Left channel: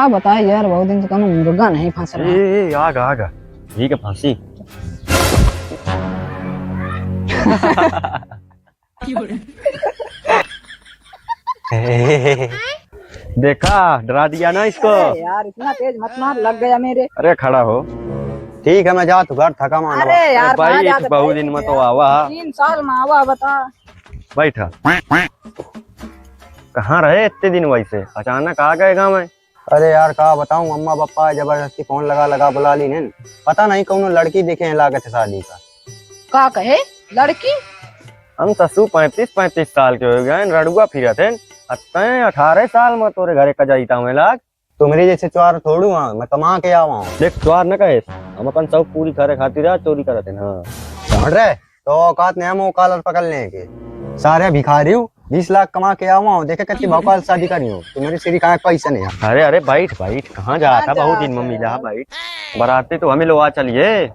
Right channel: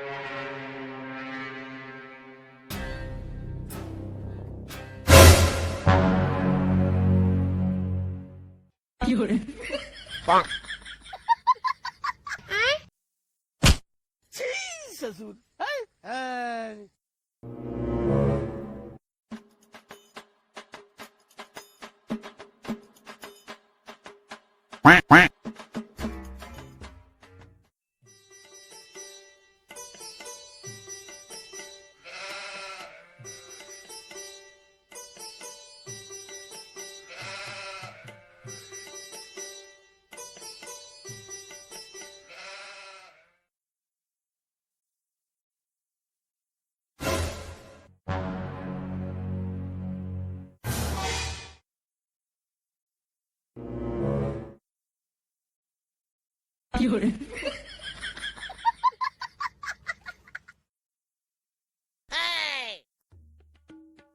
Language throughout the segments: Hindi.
का बताए यार, बहुत दिन से कौनो मुर्गा नहीं फंस रहा। आगा आगा ठीक है फांसी। देखा, डरा दिया ना इसको। अरे यार इतना तेज मत मार, लग गया मेरे। अरे खड़ा हो। ठीक है मैं जा तू घर थका मानो। अरे यार कहाँ भाई जाके बहुत दिन में तो आवा। 3 साल में आवा बता। बैठा। कहाँ रहे इतने दिन, वैसे अचानक आ गए गाँव में। अरे यार का बताऊं, अम्मा पापा जबरदस्ती फोन लगा लगा बुला ली ने। पता नहीं कौन लड़की देखे हैं लागत है शादी का। का कहे लड़की? हम ससु 35 साल के हो गए, रड़ुआ फिरत है। 18 साल में तोरे घरे कजाईता में लाग। तो मेरे जैसे चोर थोड़ू हाँ, मैं कमा के आवा हूँ। देख द्वार न कहे, हम अपन सब पूरी करे खातिर चोरी करत है ना। समझ रहे तो औकात ने हम कॉलर पकड़ने के सारे भिखारी हूँ। 20 लाख कमा के आवा हूँ, देखे कितनी भोपाल शादी करी हूँ। तो मेरे सिरी कहाँ पैसे नहीं है। अरे अरे बैठ बैठ, कहाँ जा था, बहुत दिन में मिला बैठ। बराते तो हमें लोग चलिए।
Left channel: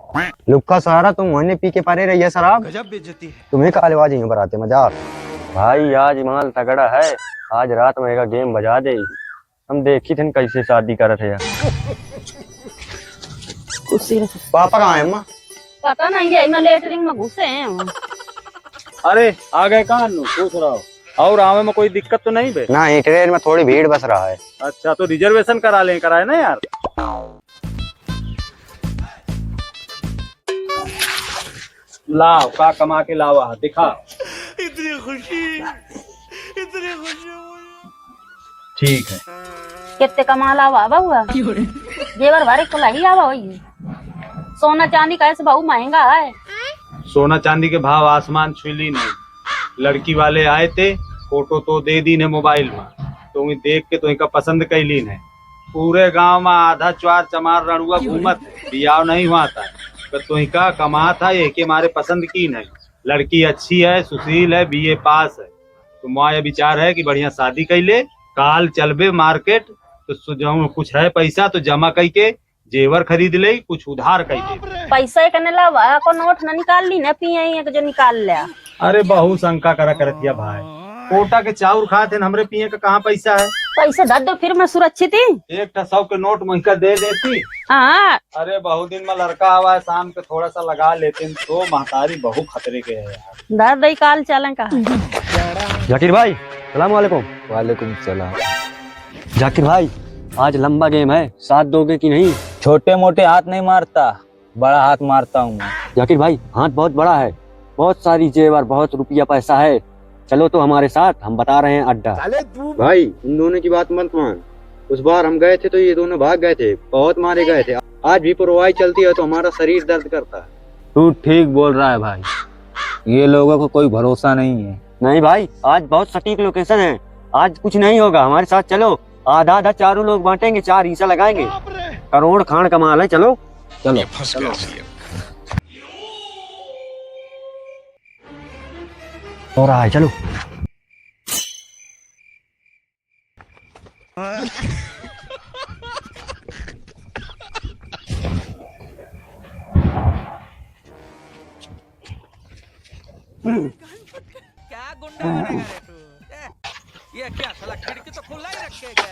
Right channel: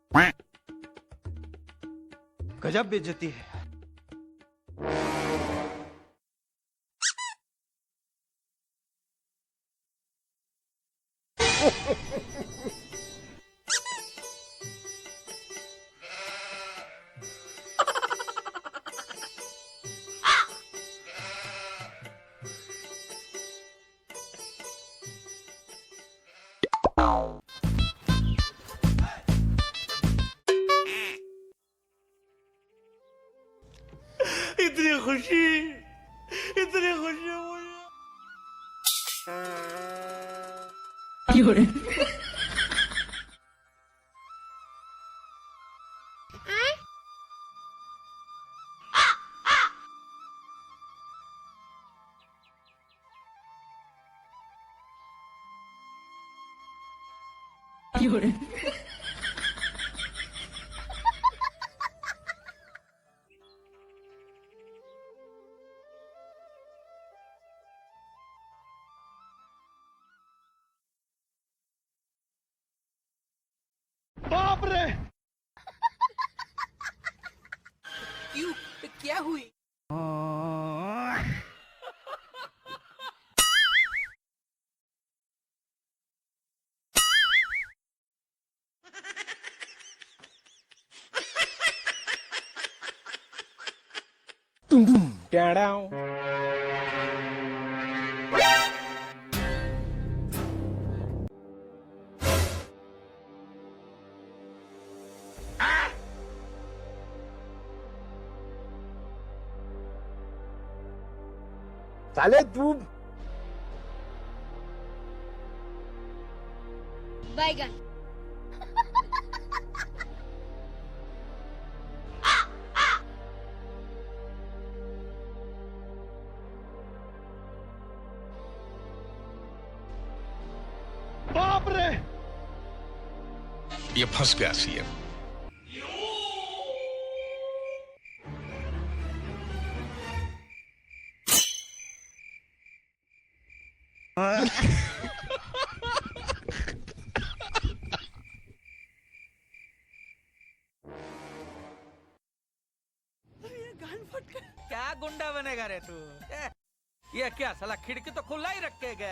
लुक्का सहारा तुम वही पी के पारे रही है शराब। गजब बेइज्जती है। तुम्हें काले बाजी में बराते मजा। भाई आज माल तगड़ा है, आज रात में एक गेम बजा दे। हम देखी थे कैसे शादी करत है। पापा कहाँ है अम्मा? पता नहीं है, मैं लेटरिंग में घुसे हैं। अरे आ गए कहाँ पूछ रहा हूँ। और आवे में कोई दिक्कत तो नहीं बे? ना ट्रेन में थोड़ी भीड़ बस रहा है। अच्छा तो रिजर्वेशन करा लें, कराए ना यार। लाओ का कमा के लावा दिखा। इतनी खुशी ठीक है। कितने कमा लावा हुआ जेवर भरे को लही आवा वही। सोना चांदी कैसे भाऊ महंगा है। सोना चांदी के भाव आसमान छुली नहीं। लड़की वाले आए थे, फोटो तो दे दी ने मोबाइल में, तो देख के तो इनका पसंद कैली ने। पूरे गांव में आधा चार चमार रणुआ घूमत, बियाह नहीं हुआ था। तो इनका कमा था ये के मारे पसंद की नहीं। लड़की अच्छी है, सुशील है, बीए पास है। तो माँ ये विचार है कि बढ़िया शादी कैले, काल चलबे मार्केट। तो जो कुछ है पैसा तो जमा करके जेवर खरीद ले, कुछ उधार कर। पैसा करने लावा को नोट न निकाल ली न पिए जो निकाल ले। अरे बहु शंका करा करतिया भाई, कोटा के चाउर खाते हमरे पिए का कहाँ पैसा है। पैसा दे दो फिर मैं सुरक्षित ही। 100 के नोट मुझका दे देती। हाँ अरे बहुत दिन में लड़का आवा है, शाम के थोड़ा सा लगा लेते। तो महतारी बहु खतरे के है यार। दर दई काल चलें का। जाकिर भाई सलाम वालेकुम। वालेकुम सलाम। जाकिर भाई आज लंबा गेम है, साथ दोगे कि नहीं? छोटे मोटे हाथ नहीं मारता, बड़ा हाथ मारता हूँ। जाकिर भाई हाथ बहुत बड़ा है, बहुत सारी जेवर, बहुत रुपया पैसा है। चलो तो हमारे साथ, हम बता रहे हैं अड्डा। भाई इन दोनों की बात मत मान। उस बार हम गए थे तो ये दोनों भाग गए थे, बहुत मारे गए थे। आज भी परवाही चलती है तो हमारा शरीर दर्द करता है। तू ठीक बोल रहा है भाई, ये लोगों को कोई भरोसा नहीं है। नहीं भाई आज बहुत सटीक लोकेशन है, आज कुछ नहीं होगा, हमारे साथ चलो। आधा आधा चारों लोग बांटेंगे, 4 हिस्सा लगाएंगे, करोड़ खान कमाल है। चलो चलो। ये फंस गया सी। हो रहा है, चलो। क्या गुंडा बनेगा रे तू? ये क्या साला खिड़की तो खुला ही रखेगा।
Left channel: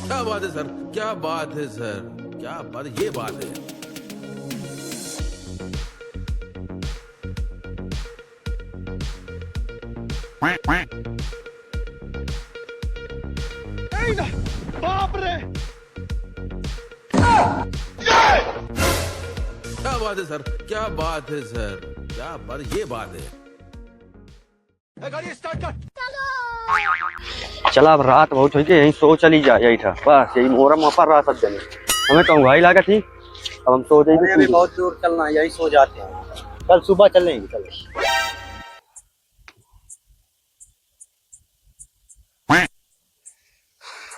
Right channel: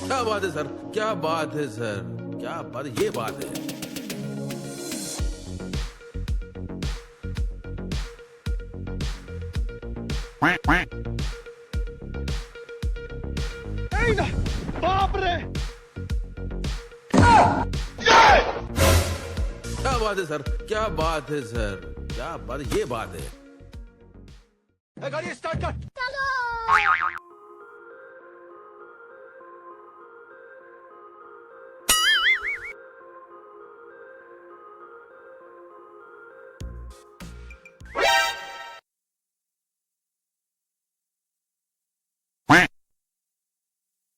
क्या बात है सर, क्या बात है सर, क्या बात, ये बात है। बाप रे, क्या बात है सर, क्या बात है सर, क्या बात, ये बात है। गाड़ी स्टार्ट कर। चला अब रात बहुत हुई, यहीं सो चली जा, यही था बस, यही मोहरम पर रहा सब जने। हमें कहूँ भाई लागा थी, अब हम सो जाएंगे। अभी बहुत दूर चलना है, यही सो जाते हैं। कल सुबह चलेंगे। चलो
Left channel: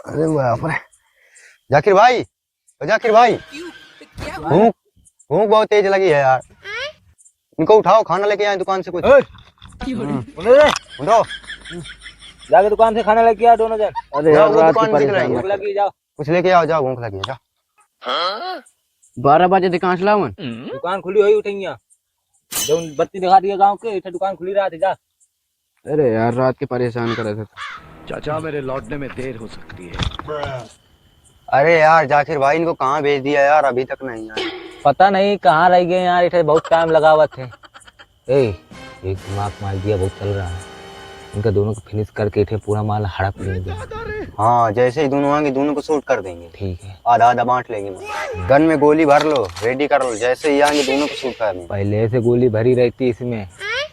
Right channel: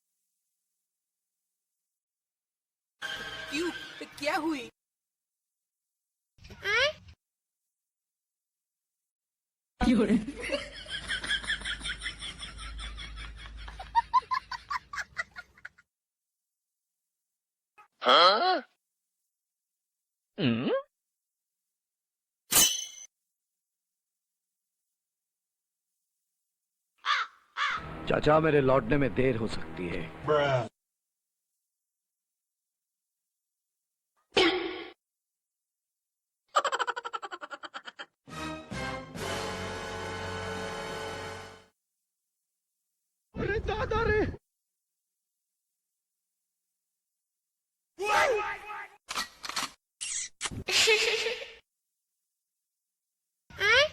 अरे बाप रे। जाकिर भाई, जाकिर भाई, क्या भूख भूख बहुत तेज लगी है यार। इनको उठाओ, खाना लेके आए दुकान से कुछ। उठो, जाके दुकान से खाना लेके आ दोनों जन। अरे जाओ, यार वो रात दुकान की में दिख परेशानी। रही है। भूख लगी, जाओ कुछ लेके आओ, जाओ, भूख लगी है, जाओ। 12 बजे दुकान से लावन। दुकान खुली हुई उठेंगे। जो बत्ती दिखा दिया गांव के, इधर दुकान खुली रहा थी। जा अरे यार रात के परेशान करे थे। चाचा मेरे लौटने में देर हो सकती है। अरे यार जाकिर भाई इनको कहाँ भेज दिया यार, अभी तक नहीं आए। पता नहीं कहाँ रह गए यार, इधर बहुत टाइम लगा हुआ थे। ए, एक दिमाग मार दिया बहुत चल रहा है। इनका दोनों को फिनिश करके इधर पूरा माल हड़प लेंगे। हाँ जैसे ही दोनों आएंगे दोनों को शूट कर देंगे। ठीक है, आधा आधा बांट लेंगे। गन में गोली भर लो, रेडी कर लो, जैसे ही आएंगे दोनों को शूट कर देंगे। पहले से गोली भरी रहती इसमें,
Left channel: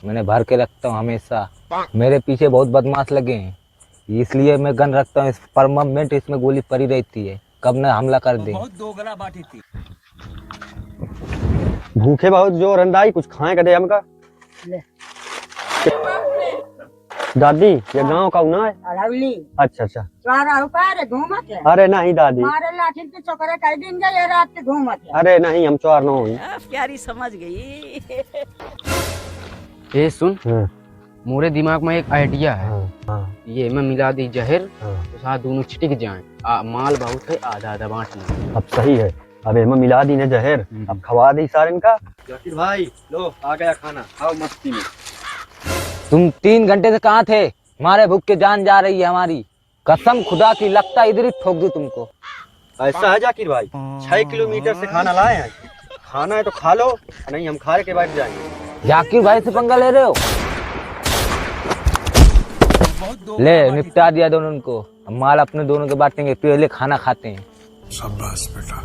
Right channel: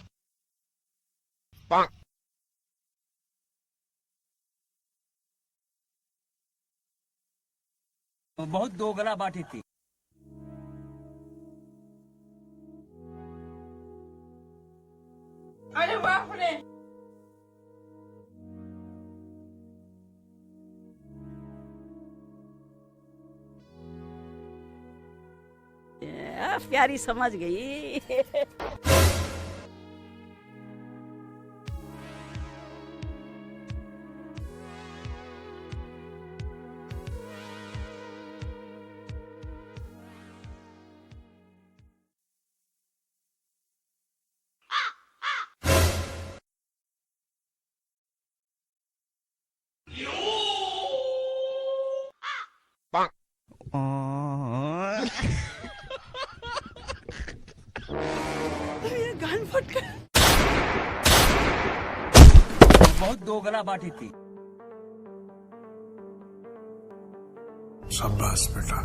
मैंने भर के रखता हूँ हमेशा। मेरे पीछे बहुत बदमाश लगे हैं, इसलिए मैं गन रखता हूँ। परमानेंट इसमें गोली पड़ी रहती है, कब न हमला कर दे। बहुत दोगला बाटी थी। भूखे बहुत जोर अंदाई, कुछ खाए कदे हमका। दादी ये गांव का ना है? अच्छा अच्छा। अरे नहीं दादी, अरे नहीं हम चोर न हो। प्यारी समझ गई। ए सुन, मोरे दिमाग में एक आइडिया है। ये मैं मिला दी जहर, तो साथ दोनों छिटिक जाएं। माल बहुत है, आधा आधा बांटना। अब सही है, अब मैं मिला दी ने जहर, अब खवा दी सारे इनका। जाकिर भाई लो आ गया खाना, खाओ मस्ती में। तुम 3 घंटे से कहाँ थे? हमारे भूख के जान जा रही है हमारी, कसम खुदा की, लगता इधर ही ठोक दूं तुमको। ऐसा है जाकिर भाई, 6 किलोमीटर से खाना लाए हैं, खाना है तो खा लो, नहीं हम खा के बैठ जाएंगे। जाकिर भाई से पंगा ले रहे हो? ले निपटा दिया दोनों को, माल अपने दोनों के बांटेंगे, पहले खाना खाते हैं। शाबाश बेटा,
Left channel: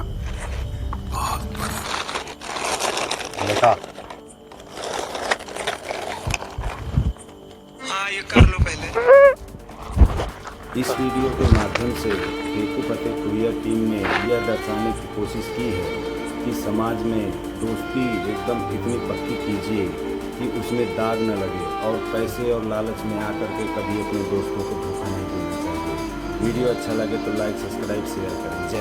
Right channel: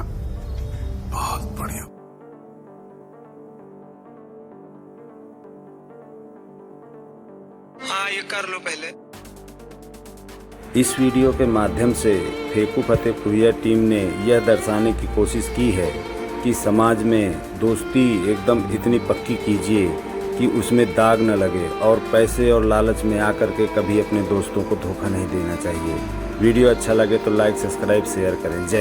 बहुत बढ़िया बेटा। हाँ ये कर लो पहले। इस वीडियो के माध्यम से फेकू फतेहपुरिया टीम ने यह दर्शाने की कोशिश की है कि समाज में दोस्ती एकदम इतनी पक्की कीजिए कि उसमें दाग न लगे, और पैसे और लालच में आकर के कभी अपने दोस्तों को धोखा नहीं देना चाहिए। वीडियो अच्छा लगे तो लाइक, सब्सक्राइब, शेयर करें। जय